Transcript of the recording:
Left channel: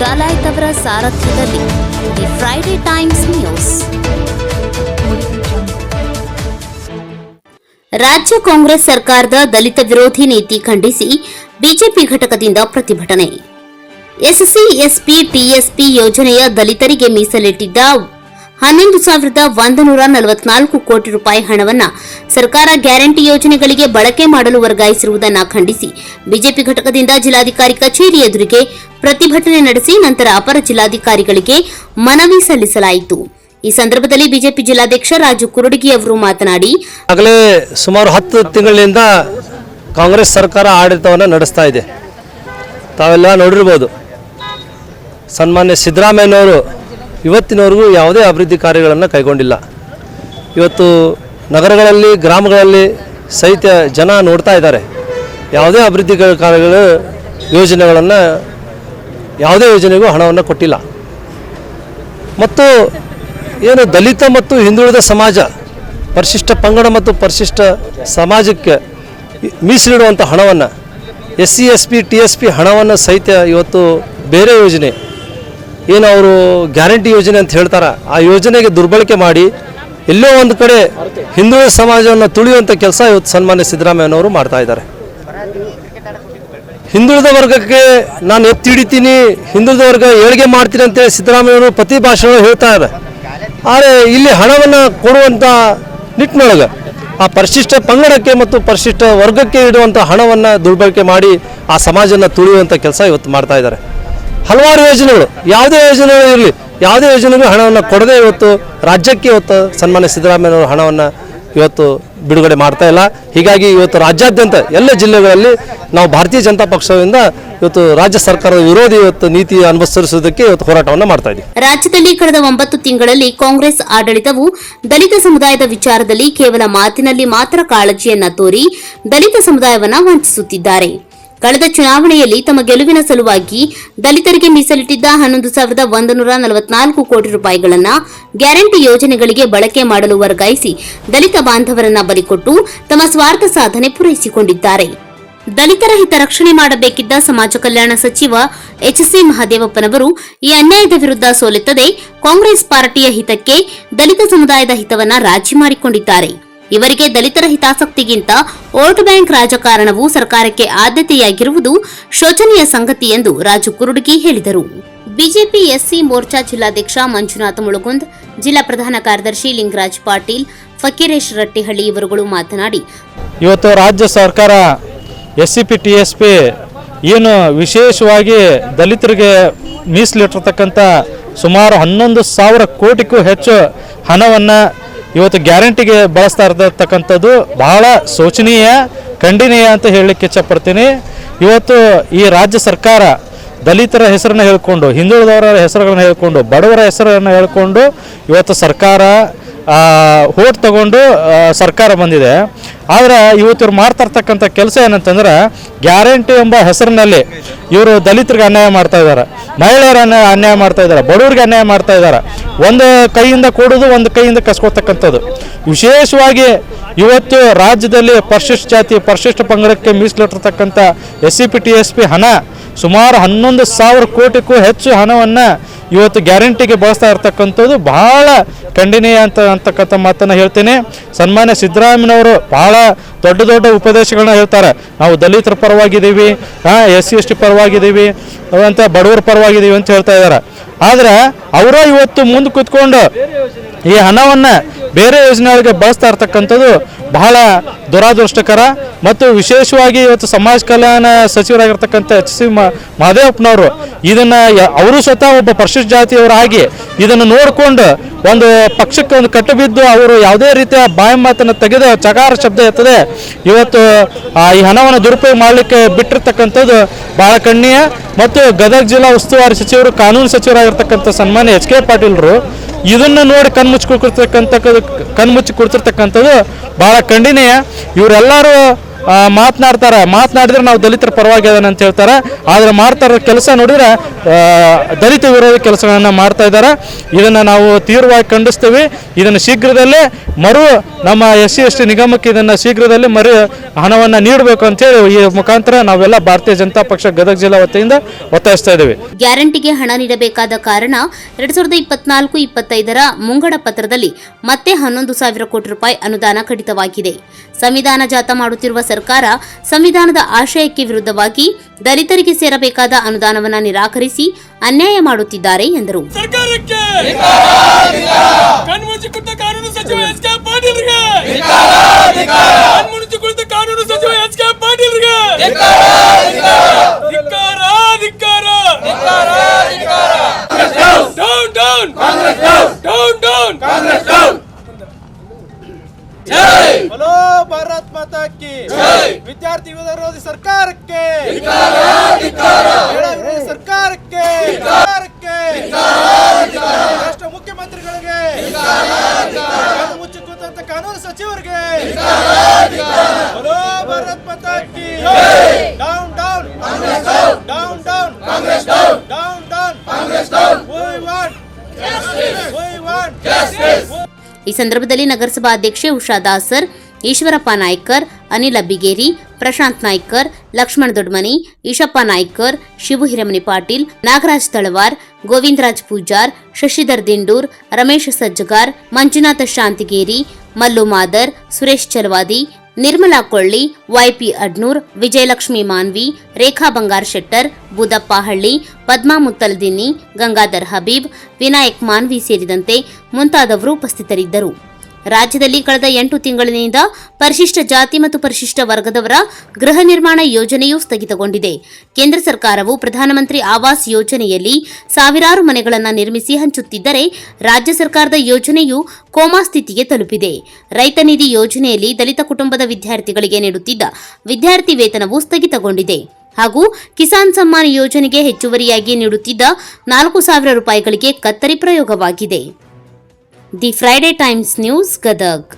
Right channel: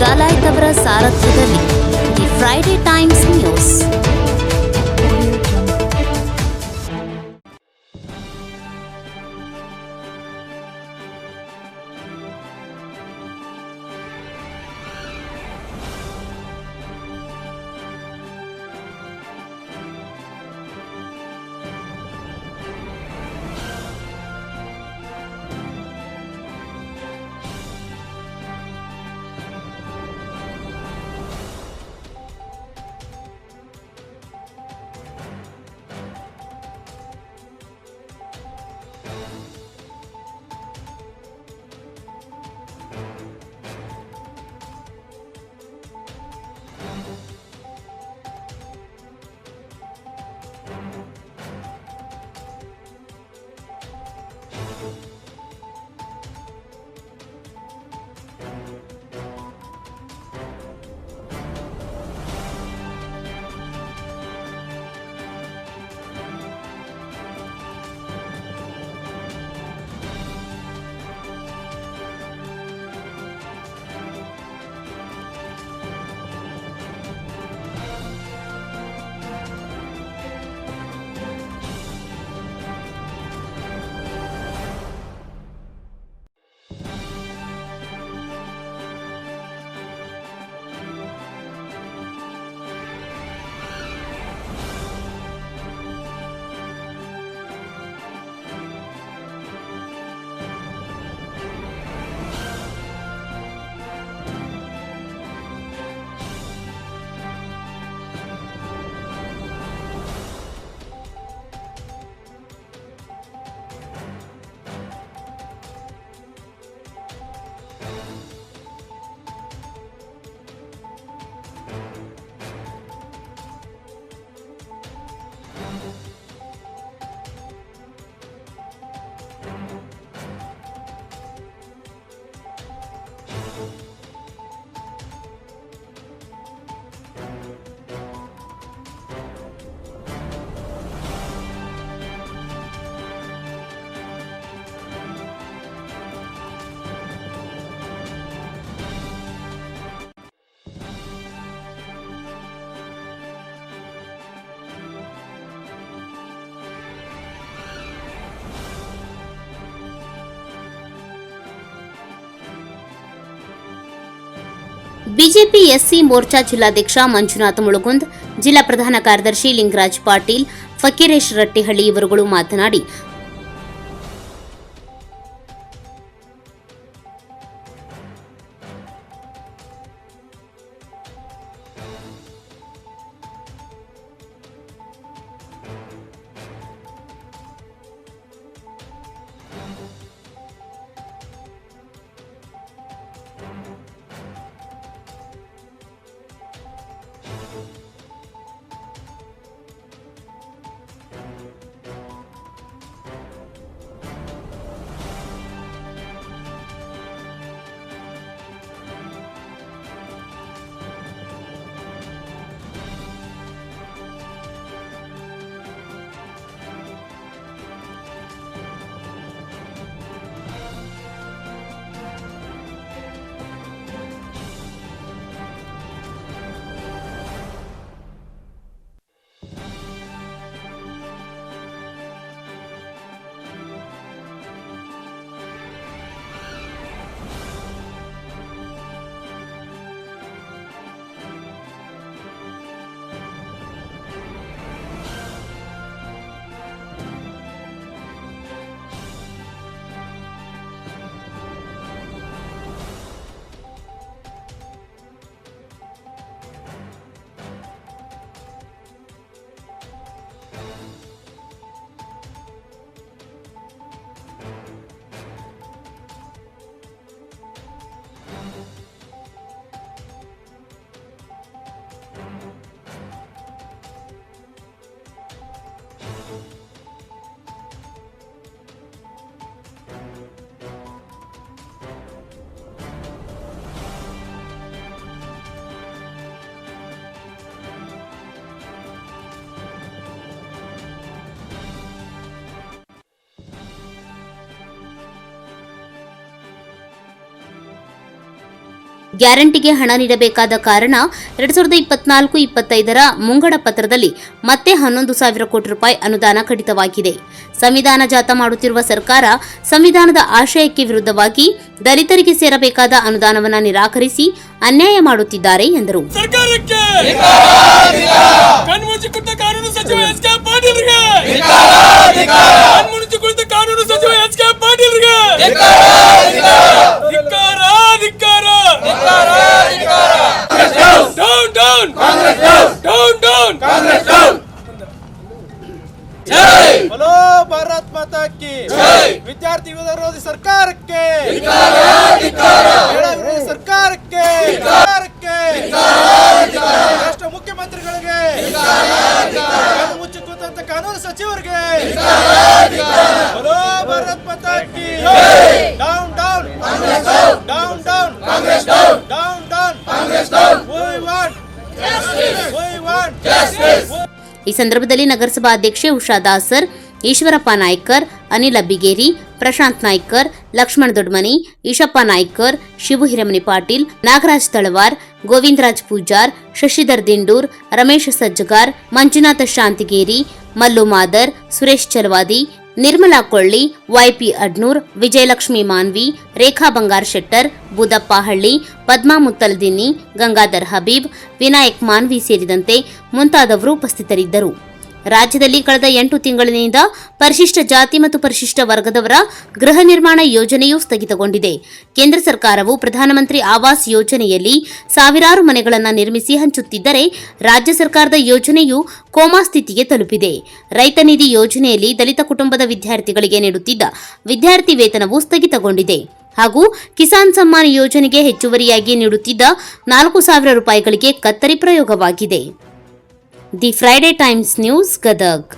ಡಲಾಯ್ತ್ ಅವರ ಸಾರಥ್ಯದಲ್ಲಿ the Friday Times news. ರಾಜ್ಯ ಕಾಂಗ್ರೆಸ್ ಸರ್ಕಾರದ ದಲಿತ ವಿರೋಧಿ ನೀತಿ ಖಂಡಿಸಿ ಬಿಜೆಪಿ ಘಟಕದಿಂದ ಪ್ರತಿಭಟನೆ. ಎಸ್ಸಿ, ಎಸ್ಪಿ, ಟಿಎಸ್ಪಿ ಯೋಜನೆಯ ದಲಿತರಿಗೆ ಮೀಸಲಿಟ್ಟಿದ್ದ 11,144 ಕೋಟಿ ರೂಪಾಯಿ ಹಣವನ್ನು ಸರ್ಕಾರ ಗ್ಯಾರಂಟಿ ಯೋಜನೆಗಳಿಗೆ ಬಳಕೆ ಮಾಡಲು ವರ್ಗಾಯಿಸಿರುವುದನ್ನು ಖಂಡಿಸಿ ಬಿಜೆಪಿ ಘಟಕದಿಂದ ಜಿಲ್ಲಾಧಿಕಾರಿ ಕಚೇರಿ ಎದುರಿಗೆ ಪ್ರತಿಭಟನೆ ನಡೆಸಿ ನಂತರ ಅಪರ ಜಿಲ್ಲಾಧಿಕಾರಿಗಳಿಗೆ ಮನವಿ ಸಲ್ಲಿಸಲಾಯಿತು. ಈ ಸಂದರ್ಭದಲ್ಲಿ ಬಿಜೆಪಿ ಜಿಲ್ಲಾಧ್ಯಕ್ಷ ರಾಜು ಕುರುಡಗಿ ಅವರು ಮಾತನಾಡಿ, ಆಗಲೇ ಸುಮಾರು 10 ತಿಂಗಳಿಂದ ಕಾಂಗ್ರೆಸ್ ಸರ್ಕಾರ ಆಡಳಿತವನ್ನು ನಡೆಸ್ತಾ ಇದೆ. ತಾವೆಲ್ಲ ನೋಡಿರ್ಬೋದು, ಸನ್ಮಾನ್ಯ ಸಿದ್ದರಾಮಯ್ಯನವರು ಇವತ್ತಿನವರೆಗೂ ಯಾವುದೇ ಅಭಿವೃದ್ಧಿ ಕಾರ್ಯಗಳನ್ನು ಕೈಗೊಂಡಿಲ್ಲ. ಇವತ್ತು ನಗರಗಳಲ್ಲಿ, ಗ್ರಾಮಗಳಲ್ಲಿ ಸಹಿತ ಜನ ನೋಡ್ತಾ ಇದ್ದಾರೆ. ಯಾವುದೇ ಅಭಿವೃದ್ಧಿ ಕಾರ್ಯಗಳು ಯೋಜನೆಗಳನ್ನು, ಯಾವುದೇ ಯೋಜನೆಗೂ ಹಣವನ್ನು ಕೊಟ್ಟಿಲ್ಲ. ಮತ್ತು ಏನು ದಲಿತ ಮತ್ತು ಹಿಂದುಳಿದ ಸಮಾಜ, ಪರಿಶಿಷ್ಟ ಪಂಗಡ ಮತ್ತು ಪರಿಶಿಷ್ಟ ಸಮಾಜಕ್ಕೆ ಮೀಸಲಿಡುವಂಥ ಹಣವನ್ನು, ಎಸ್ಸಿ, ಎಸ್ಪಿ, TSP ಹಣವನ್ನು ಸಹಿತ ಇವತ್ತು ಬೇರೆ ಯೋಜನೆ ಏನು ಅವರು ಗ್ಯಾರಂಟಿ ಯೋಜನೆ ಅಂತ ಹೇಳ್ತಾರೆ, ಆ ಯೋಜನೆಗೆ ದುರ್ಬಳಕೆ ಮಾಡಿ ಎಲ್ಲೋ ಒಂದು ಕಡೆ ಹಿಂದುಳಿದ ಸಮಾಜವನ್ನು ತುಳಿಯುವಂಥ ಕೆಲಸ ಇವತ್ತು ಸನ್ಮಾನ್ಯ ಸಿದ್ದರಾಮಯ್ಯನವರು ಮಾಡ್ತಾ ಇದ್ದಾರೆ. ಹಿಂದುಳಿದ ವರ್ಗಕ್ಕೆ ನಾನು ಎತ್ತಿ ಹಿಡಿತೀನಿ, ಹಿಂದುಳಿದ ವರ್ಗ ಏಳಿಗೆ ಮಾಡ್ತೀನಿ ಅಂತೇಳಿ ಸಿದ್ದರಾಮಯ್ಯನವರು ಪ್ರತಿ ಭಾಷಣ ಹೇಳ್ತಾ ಇದ್ದಾರೆ. ಆದರೆ ಇಲ್ಲಿ ಹಣವನ್ನು ಕೊಡುವಂಥ ನಿಟ್ಟಿನೊಳಗೆ ಆ ಪರಿಶಿಷ್ಟ ಪಂಗಡಕ್ಕೆ ಮತ್ತು ಪರಿಶಿಷ್ಟ ವರ್ಗಕ್ಕೆ ಇಡುವಂಥ ಹಣವನ್ನು ದುರ್ಬಳಕೆ ಮಾಡಿ ಆ ಸಮಾಜನ ತುಳಿಯುವಂಥ ಕೆಲಸ ಇವತ್ತು ಮಾಡ್ತಾ ಇದ್ದಾರೆ. ಹಲವಾರು ಯೋಜನೆಗಳು, ಯಾವುದೇ ಯೋಜನೆಗಳು ಇರಲಿ, ಯಾವುದೇ ಯೋಜನೆಗೂ ಹಣವನ್ನು ಕೊಡದೆ ಇವತ್ತು ರಾಜ್ಯಕ್ಕೆ ಇವತ್ತು ಸನ್ಮಾನ್ಯ ಸಿದ್ದರಾಮಯ್ಯನವರು ಹಣವನ್ನು ಇವತ್ತು ಬಿಡುಗಡೆ ಮಾಡ್ತಾ ಇಲ್ಲ. ಹೀಗಾಗಿ ಇವತ್ತು ರಾಜ್ಯಾದ್ಯಂತ ಎಲ್ಲ ಜಿಲ್ಲೆಗಳಲ್ಲಿ ನಾವು ಭಾರತೀಯ ಜನತಾ ಪಕ್ಷದಿಂದ ಇವತ್ತು ರಾಜ್ಯ ಸರ್ಕಾರದ ವಿರೋಧಿ ಇವತ್ತು ನೀತಿ ಅನುಸರಿಸುವುದಕ್ಕೆ ಇವತ್ತು ಹೋರಾಟವನ್ನು ಮಾಡ್ತಾ ಇದ್ದೀವಿ. ರಾಜ್ಯದಲ್ಲಿ ಕಳೆದ 9 ತಿಂಗಳಲ್ಲಿ ಕಾಂಗ್ರೆಸ್ ಆಡಳಿತವು ದಲಿತ ಸಮುದಾಯದ ವಿಚಾರದಲ್ಲಿ ಕೇವಲ ಮಾತಿನಲ್ಲಿ ಮಾತ್ರ ಕಾಳಜಿಯನ್ನ ತೋರಿ ದಲಿತ ಸಮುದಾಯವನ್ನ ವಂಚಿಸುತ್ತಿದ್ದಾರೆ. ಕಳೆದ ಚುನಾವಣೆಯಲ್ಲಿ ತಮ್ಮ ಗೆಲುವಿನ ಸಲುವಾಗಿ ದಲಿತರಿಗೆ ಮೀಸಲಿಟ್ಟಿದ್ದ 11,144 ಕೋಟಿ ರೂಪಾಯಿಗಳನ್ನು ಗ್ಯಾರಂಟಿ ಯೋಜನೆಗಳಿಗೆ ಬಳಕೆ ಮಾಡಲು ವರ್ಗಾಯಿಸಿ ದಲಿತ ಬಾಂಧವರನ್ನ ಬಲಿಕೊಟ್ಟು ತಮ್ಮ ಸ್ವಾರ್ಥ ಸಾಧನೆ ಪೂರೈಸಿಕೊಂಡಿದ್ದಾರೆ. ದಲಿತರ ಹಿತರಕ್ಷಣೆ ಮಾಡಬೇಕಿದ್ದ ಸಮಾಜ ಕಲ್ಯಾಣ ಸಚಿವ ಎಚ್.ಸಿ. ಮಹದೇವಪ್ಪನವರು ಈ ಅನ್ಯಾಯದ ವಿರುದ್ಧ ಸೋಲೆತ್ತದೆ ಕಾಂಗ್ರೆಸ್ ಪಾರ್ಟಿಯ ಹಿತಕ್ಕೆ ದಲಿತ ಸಮುದಾಯದ ಹಿತವನ್ನ ರಾಜಿ ಮಾಡಿಕೊಂಡಿದ್ದಾರೆ. ಇವರಿಗೆ ದಲಿತರ ಹಿತಾಸಕ್ತಿಗಿಂತ ವೋಟ್ ಬ್ಯಾಂಕ್ ರಾಜಕಾರಣವು ಸರ್ಕಾರಕ್ಕೆ ಆದ್ಯತೆಯಾಗಿರುವುದು ಶೋಚನೀಯ ಸಂಗತಿ ಎಂದು ರಾಜು ಕುರುಡಗಿ ಹೇಳಿದರು. ಬಿಜೆಪಿ ಎಸ್ಸಿ ಮೋರ್ಚಾ ಜಿಲ್ಲಾಧ್ಯಕ್ಷ ಮಂಜುನಾಥ ಮುಳುಗುಂದ್, ಜಿಲ್ಲಾ ಪ್ರಧಾನ ಕಾರ್ಯದರ್ಶಿ ಲಿಂಗರಾಜ್ ಪಾಟೀಲ್, ಫಕೀರೇಶ್ ರಟ್ಟಿಹಳ್ಳಿ ಇವರುಗಳು ಮಾತನಾಡಿ, ಇವತ್ತು ರಾಜ್ಯ ಸರ್ಕಾರ SCP TSP ಏನು ವಿಶೇಷವಾಗಿ ದಲಿತರಿಗೆ ಮೀಸಲಿಟ್ಟಿರ್ತಕ್ಕಂಥ ಸುಮಾರು 11,000 ಕೋಟಿಗೂ ಹೆಚ್ಚು ಹಣವನ್ನು ಇವತ್ತು ಗ್ಯಾರಂಟಿಗೆ ಬಳಸ್ತಾ ಇರತಕ್ಕಂಥದ್ದು ಬಹಳ ಶೋಚನೀಯ, ಖಂಡನೀಯ ಅಂತ ಹೇಳಲಿಕ್ಕೆ ಇಚ್ಛಪಡ್ತೀನಿ. ಇವತ್ತು ಈ ರಾಜ್ಯ ಸರ್ಕಾರ ದಲಿತರ ಹೆಸರನ್ನು ಹೇಳಿಕೊಂಡು, ಹಿಂದುಳಿದವರ ಹೆಸರುಗಳನ್ನು ಹೇಳಿಕೊಂಡು, ಬಡವರ ಹೆಸರನ್ನು ಹೇಳಿಕೊಂಡು ಇವತ್ತು ಸರ್ಕಾರ ಓಟ್ ತಗೊಂಡು ಸರ್ಕಾರ ಬಂದಿದೆ. ಆದರೆ ಇವತ್ತು ಇವ್ರು ಮಾಡ್ತಾ ಇರ್ತಕ್ಕಂಥ ಕೆಲಸ ಏನಂತಂದ್ರೆ, ಗ್ಯಾರಂಟಿ ಎಂಬ ಹೆಸರಿನಲ್ಲಿ ಇವರು ದಲಿತರಿಗೆ ಅನ್ಯಾಯ ಮಾಡ್ತಾ ಇದ್ದಾರೆ, ಮಹಿಳೆಯರನ್ನು ಅನ್ಯಾಯ ಮಾಡ್ತಾ ಇದ್ದಾರೆ, ಬಡವರಿಗೆ ಅನ್ಯಾಯ ಮಾಡ್ತಾ ಇದ್ದಾರೆ. ಒಂದು ಕೈಯಿಂದ ಕೊಡೋದು, ಒಂದು ಕೈಯಿಂದ ಕಸ್ಕೊಳ್ತಕ್ಕಂಥದ್ದು. ವಿಶೇಷವಾಗಿ ಇವತ್ತು ರಾಜ್ಯದಲ್ಲಿ ಪರಿಶಿಷ್ಟ ಜಾತಿ, ಪರಿಶಿಷ್ಟ ಪಂಗಡಕ್ಕೆ ಮೀಸಲಿಟ್ಟಿರ್ತಕ್ಕಂಥ SCP TSP ಹಣ ಸುಮಾರು 11,000 ಕೋಟಿಗೂ ಹೆಚ್ಚು ಹಣವನ್ನು ಇವತ್ತು ಗ್ಯಾರಂಟಿಗೆ ಬಳಸ್ತಾ ಇರ್ತಕ್ಕಂಥದ್ದು ಬಹಳ ಖಂಡನೀಯ ಅಂತಕ್ಕಂಥ ಮಾತನ್ನು ಹೇಳ್ತೀನಿ. ಸನ್ಮಾನ್ಯ ಸಿದ್ದರಾಮಯ್ಯನವರು ಬಹಳ ದೊಡ್ಡ ದೊಡ್ಡ ಉಪದೇಶಗಳನ್ನ ಹೇಳ್ತಾರೆ. ನಾವು ದಲಿತರ ಪರವಾಗಿದ್ದೀವಿ, SC ST ಪರವಾಗಿದ್ದೀವಿ ಅಂತ, ಬಡವರ ಪರವಾಗಿದ್ದೀವಿ ಅಂತ ಹೇಳ್ತಾ ಇದ್ದಾರೆ. ಆದರೆ ಅವರ ಇವತ್ತು ಮುಂದೆ ಕೂತ್ಕೊಂಡು ಈ ಹಣವನ್ನು ಬೇರೆ ಯೋಜನೆಗಳಿಗೆ ಬಳಸ್ತಾ ಇರ್ತಕ್ಕಂಥದ್ದು ಬಹಳ ದುರಾದೃಷ್ಟಕರ. ಮತ್ತು ವಿಶೇಷವಾಗಿ ಇವತ್ತು ಸಮಾಜ ಕಲ್ಯಾಣ ಸಚಿವರಾಗಿರ್ತಕ್ಕಂಥ ಎಚ್.ಸಿ. ಮಹದೇವಪ್ಪನವರು ಇದನ್ನು, ಅವರು ಸ್ವತಃ ಒಬ್ಬ ಪರಿಶಿಷ್ಟ ಜಾತಿಯವರಾಗಿ ಇದನ್ನು ನೋಡಿಕೊಂಡು ಒಂದು ಪಕ್ಷಕ್ಕೆ ಒಂದು ಕಟ್ಟಬಿದ್ದು ಅವರು ಯಾವುದೇ ರೀತಿಯ ಬಾಯಿ ಮಾತನ್ನು ತೆಗೆದು ಚಕಾರ ಶಬ್ದ ಎತ್ತದೆ ಇವತ್ತು ಈ ಹಣವನ್ನು ದುರುಪಯೋಗ ಮಾಡಲಿಕ್ಕೆ ಬಿಟ್ಟಿರ್ತಕ್ಕಂಥದ್ದು ಬಹಳ ಖಂಡನೀಯ. ಮತ್ತು ಗದಗ ಜಿಲ್ಲಾ ಉಸ್ತುವಾರಿ ಸಚಿವರು, ಕಾನೂನು ಸಚಿವರಾಗಿರ್ತಕ್ಕಂಥ ಸನ್ಮಾನ್ಯ H.K. ಪಾಟೀಲ್ರು ಇದನ್ನು ನೋಡಿ ಕಣ್ಮುಚ್ಚಿ ಕೊಡ್ತಿರ್ತಕ್ಕಂಥದ್ದು ಬಹಳ ಖಂಡನೀಯ. ಇವರೆಲ್ಲರೂ ಮಾತನಾಡಿದ್ರೆ ನಾವು ದಲಿತರ ಪರವಾಗಿ ಅದನ್ನ ಅಂತ ಹೇಳ್ತಾರೆ. ಆದರೆ ಮಾಡ್ತಾ ಇರೋ ಕೆಲಸ ನೋಡಿದ್ರೆ ದಲಿತ ವಿರೋಧಿ ಕೆಲಸಗಳನ್ನು ಮಾಡ್ತಾ ಇದ್ದಾರೆ. ಇದನ್ನು ನಾವು ತೀವ್ರವಾಗಿ ಖಂಡಿಸ್ತೀವಿ. ಇದನ್ನು ಶೀಘ್ರದಲ್ಲೇ ನಮ್ಮ SC/ST ನಿಗಮಕ್ಕೆ ಇದನ್ನು ಶೀಘ್ರದಲ್ಲೇ ಹಣವನ್ನು ನೀಡಬೇಕು ಅಂತೇಳಿ ಈ ಮುಖಾಂತರ ನಾವೆಲ್ಲ ಭಾರತೀಯ ಜನತಾ ಪಕ್ಷ ಗದಗ ಜಿಲ್ಲಾ ವತಿಯಿಂದ ಒತ್ತಾಯಿಸ್ತಾ ಇದ್ದೇವೆ. ಗ್ಯಾರಂಟಿಗೆ ಹಣ ನೀಡಬೇಕಾದ ಕಾರಣ 2024-25ರ ಮುಂಗಡ ಪತ್ರದಲ್ಲಿ ಮತ್ತೆ 11,000 ಕೋಟಿ ರೂಪಾಯಿ ಅನುದಾನ ಕಡಿತವಾಗಿದೆ. ಸಂವಿಧಾನ ಜಾತ ಮಾಡುತ್ತಿರುವ ಸರ್ಕಾರ ಸಂವಿಧಾನದ ಆಶಯಕ್ಕೆ ವಿರುದ್ಧವಾಗಿ ದಲಿತರಿಗೆ ಸೇರಬೇಕಾದ ಅನುದಾನವನ್ನು ನಿರಾಕರಿಸಿ ಅನ್ಯಾಯ ಮಾಡುತ್ತಿದ್ದಾರೆ ಎಂದರು. ಸರ್ಕಾರಕ್ಕೆ ಕಣ್ಮುಚ್ಚಿ ಕುಳಿತ ಕಾನೂನು ಸಚಿವ ಎಚ್ ಕೆ ಪಾಟೀಲ್ರಿಗೆ ಕಣ್ಮುಚ್ಚಿ ಕುಳಿತ ಕಾನೂನು ಸಚಿವ ಎಚ್ ಕೆ ಪಾಟೀಲ್ರಿಗೆ ಧಿಕ್ಕಾರ ಧಿಕ್ಕಾರ ಡೌನ್ ಡೌನ್ ಡೌನ್ ಡೌನ್ बोलो भारत माता की विद्यार्थी विरोधी सरकार के विरोधी सरकार के राष्ट्र मुख्यमंत्रिಗಳಿಗೆ ಮುಚ್ಚಿ ಕೂತಂತ ಕಾನೂನು ಸಚಿವರಿಗೆ बोलो भारत माता की down down down down down down we want justice. ಈ ಸಂದರ್ಭದಲ್ಲಿ ನಗರಸಭಾ ಅಧ್ಯಕ್ಷೆ ಉಷಾ ದಾಸರ್, ಈಶ್ವರಪ್ಪ ನಾಯ್ಕರ್, ಅನಿಲ್ ಅಬ್ಬಿಗೇರಿ, ಪ್ರಶಾಂತ್ ನಾಯ್ಕರ್, ಲಕ್ಷ್ಮಣ್ ದೊಡ್ಮನಿ, ಈಶಪ್ಪ ನಾಯ್ಕರ್, ಶಿವು ಹಿರೇಮನಿ ಪಾಟೀಲ್, ನಾಗರಾಜ್ ತಳವಾರ್, ಗೋವಿಂದರಾಜ್ ಪೂಜಾರ್, ಶಶಿಧರ್ ದಿಂಡೂರ್, ರಮೇಶ್ ಸಜ್ಜಗಾರ್, ಮಂಜುನಾಥ ಶಾಂತಿಗೇರಿ, ಮಲ್ಲು ಮಾದರ್, ಸುರೇಶ್ ಚಲವಾದಿ, ನಿರ್ಮಲಾ ಕೊಳ್ಳಿ, ವೈಪಿ ಅಡ್ನೂರ್, ವಿಜಯಲಕ್ಷ್ಮಿ ಮಾನ್ವಿ, ರೇಖಾ ಬಂಗಾರ್ ಶೆಟ್ಟರ್, ಬುದಪ್ಪ ಹಳ್ಳಿ, ಪದ್ಮಾ ಮುತ್ತಲ್ದಿನ್ನಿ, ಗಂಗಾಧರ್ ಹಬೀಬ್, ವಿನಾಯಕ್ ಮಾನ್ವಿ ಸೇರಿದಂತೆ ಮುಂತಾದವರು ಉಪಸ್ಥಿತರಿದ್ದರು. ರಾಜ್ಯದಲ್ಲಿ ಕಳೆದ 8 ತಿಂಗಳಿನಿಂದ ಪರಿಶಿಷ್ಟ ಜಾತಿ ಮತ್ತು ಪರಿಶಿಷ್ಟ ವರ್ಗದವರ ಗೃಹ ನಿರ್ಮಾಣ ಯೋಜನೆಯೂ ಸ್ಥಗಿತಗೊಂಡಿದೆ. ಕೇಂದ್ರ ಸರ್ಕಾರವು ಪ್ರಧಾನಮಂತ್ರಿ ಆವಾಸ್ ಯೋಜನೆಯಲ್ಲಿ ಸಾವಿರಾರು ಮನೆಗಳನ್ನು ನಿರ್ಮಿಸಿ ಹಂಚುತ್ತಿದ್ದರೆ ರಾಜ್ಯ ಸರ್ಕಾರದ ಯೋಜನೆಯು ಕೋಮಾ ಸ್ಥಿತಿಗೆ ತಲುಪಿದೆ. ರೈತ ನಿಧಿ ಯೋಜನೆಯಲ್ಲಿ ದಲಿತ ಕುಟುಂಬದ ವಿದ್ಯಾರ್ಥಿಗಳಿಗೆ ನೀಡುತ್ತಿದ್ದ ವಿದ್ಯಾರ್ಥಿ ವೇತನವು ಸ್ಥಗಿತಗೊಂಡಿದೆ ಹಾಗೂ ಕಿಸಾನ್ ಸಮ್ಮಾನ್ ಯೋಜನೆಗೆ ಹೆಚ್ಚುವರಿಯಾಗಿ ನೀಡುತ್ತಿದ್ದ 4,000 ರೂಪಾಯಿಗಳಿಗೆ ಕತ್ತರಿ ಪ್ರಯೋಗವಾಗಿದೆ. The Friday Times news Gadag.